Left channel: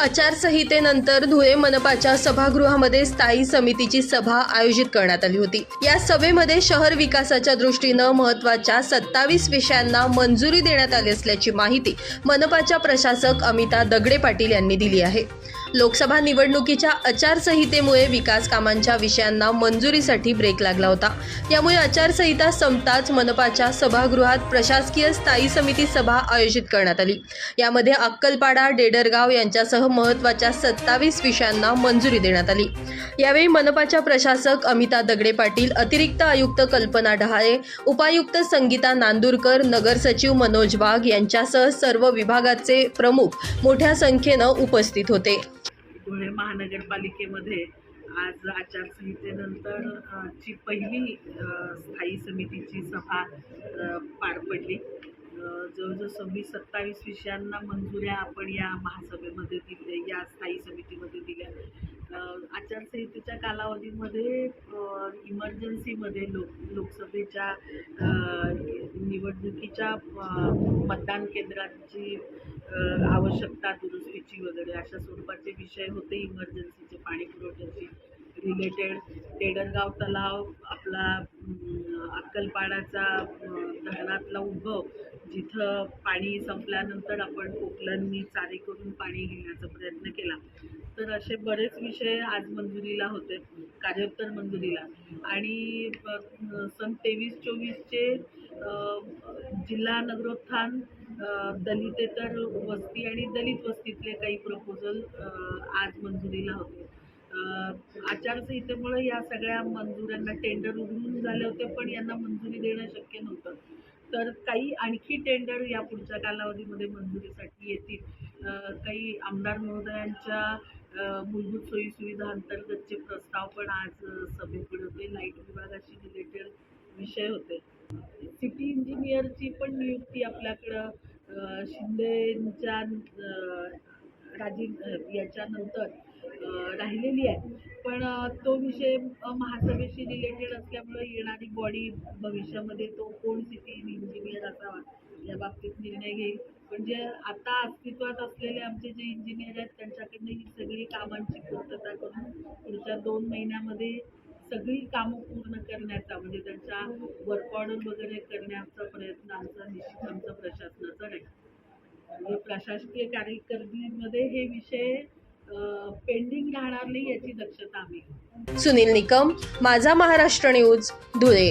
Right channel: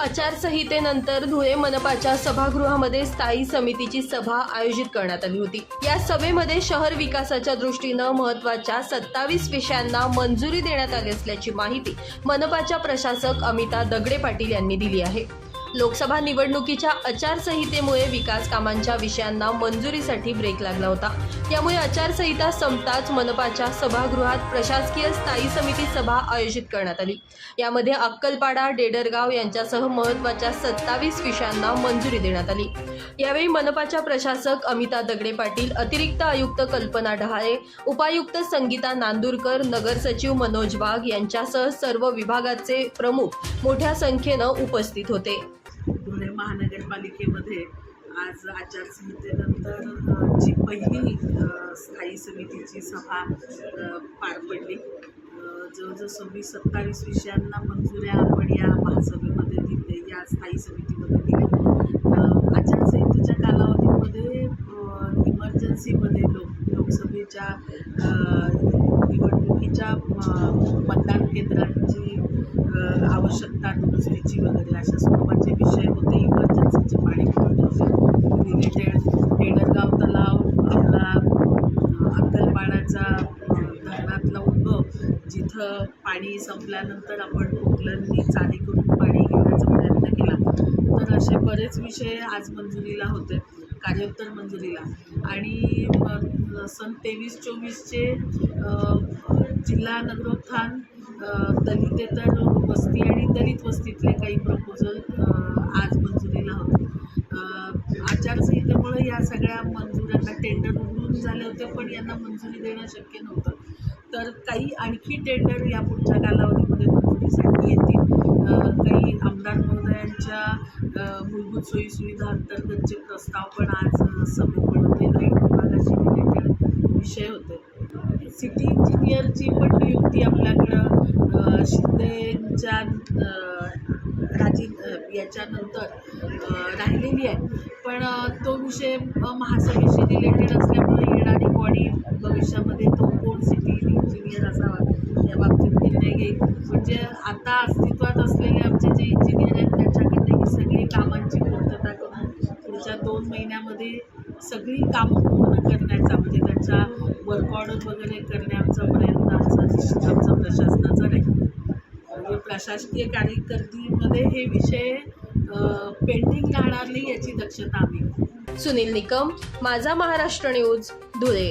आचारसंहितेनंतर धुळे मनपाच्या सभागृहामध्ये स्थायी समितीची सभा आयोजित करण्यात आली होती. या सभेमध्ये शहर विकासाच्या दृष्टीनं महत्त्वाच्या सत्तावीस विषयांना मंजुरी देण्यात आली असल्याची माहिती मनपाच्या प्रशासक अमिता दगडे पाटील यांनी दिली आहे. लोकसभा निवडणुकीच्या आचारसंहितेमुळे विकास कामांच्या विषयांना मंजुरीसाठी ब्रेक लागला होता. त्यामुळे आचारसंहिता संपताच मनपाच्या सभागृहात प्रशासकीय स्थायी समिती सभा आयोजित करण्यात आली. यामध्ये अक्कलपाडा डेडरगाव यांच्यासह महत्त्वाच्या सत्तावीस विषयांना मंजुरी देण्यात आली. यावेळी मनपाच्या प्रशासक अमिता दगडे पाटील अतिरिक्त आयुक्त कल्पना डहाळे उपायुक्त संगीता नांदूरकर नगर सचिव मनोज वाघ यांच्यासह सर्व विभागाचे प्रमुख मोठ्या संख्येनं उपस्थित होते. पुणे महानगरपालिकेमध्ये आज आचारसंहितेनंतर जी पहिली स्थायी समितीची सभा पार पडली. जवळजवळ सव्वीस सत्तावीस विषयांना मंजुऱ्या आपण या महासभेमध्ये दिल्या या स्थायी समितीमध्ये दिल्या. आचारसंहितेच्या कालावधीमध्ये इमर्जन्सीमध्ये लोक लोकसभेच्या निवडणुकीच्या मतदान केंद्रांची आवश्यकता दुरुस्तीची वगैरे अशा स्वरूपाचे विषय होते. इमर्जन्सीचे पाणी पुरवठ्याचे रिलेटेड डेडरगाव तलाव आपला अक्कलपाडाचा धरणातला उद्भव जिथं पाणी संपल्यानंतर आपण कोकलांनी चारी करून पाणी घेण्याचा प्रयत्न केला. तर असे बरेच विषय आज मंजुरीला होते. कार्योत्तर मंजुरीला. आणि सन तेवीस चोवीसचे जिल्हा नगरोत्थान दलितेतर वस्ती आणि दलित वस्तीतले काही प्रपोजल आज मंजुरीला होते. आचारसंहितेमुळे या सगळ्या मंजुऱ्यांना टेंडर उघडून झाले होते पण यांना मंजुरी देणं शक्य नव्हतं. तर काही आणखी टेंडर या पुढच्या कालावधीमध्ये मंजुरीसाठी येतील. काही आमदार महोदयांच्या मूलभूत सोयीसुविधा अंतर्गतचे प्रस्ताव पण आज सभेत बनवले लाइट विभागाशी रिलेटेड विषय होते. सिटी इंजिनियरची पण नियुक्ती आपल्याकडं शिंदेच्या राजी याच्यानंतर राहिलेली आहे. पण तो विषय महासभेशी रिलेटेड असल्यामुळे येणारी बॉडी भविष्यामध्ये तो कोण सिटी इंजिनियर असावा या बाबतीत निर्णय घेईल. म्हणजे आता अस्तित्वात असलेले आमचे जे इंजिनियर आहेत त्यांच्याकडे ही सगळी कामांची पूर्तता करून पुढच्या दोन महिन्यामध्ये सगळी कामं पूर्ण करण्याचा म्हणजे त्यांच्या वर्क ऑर्डर वगैरे करण्याचा प्रयत्न आमचा आमचा प्रशासनाचा राहील म्हणजे प्रशासकीय कार्यकर्दीमध्ये हे विषय पेंडिंग राहणार नाही याची दक्षता आम्ही सुनील निकम माझा महाराष्ट्र न्यूज धुळे.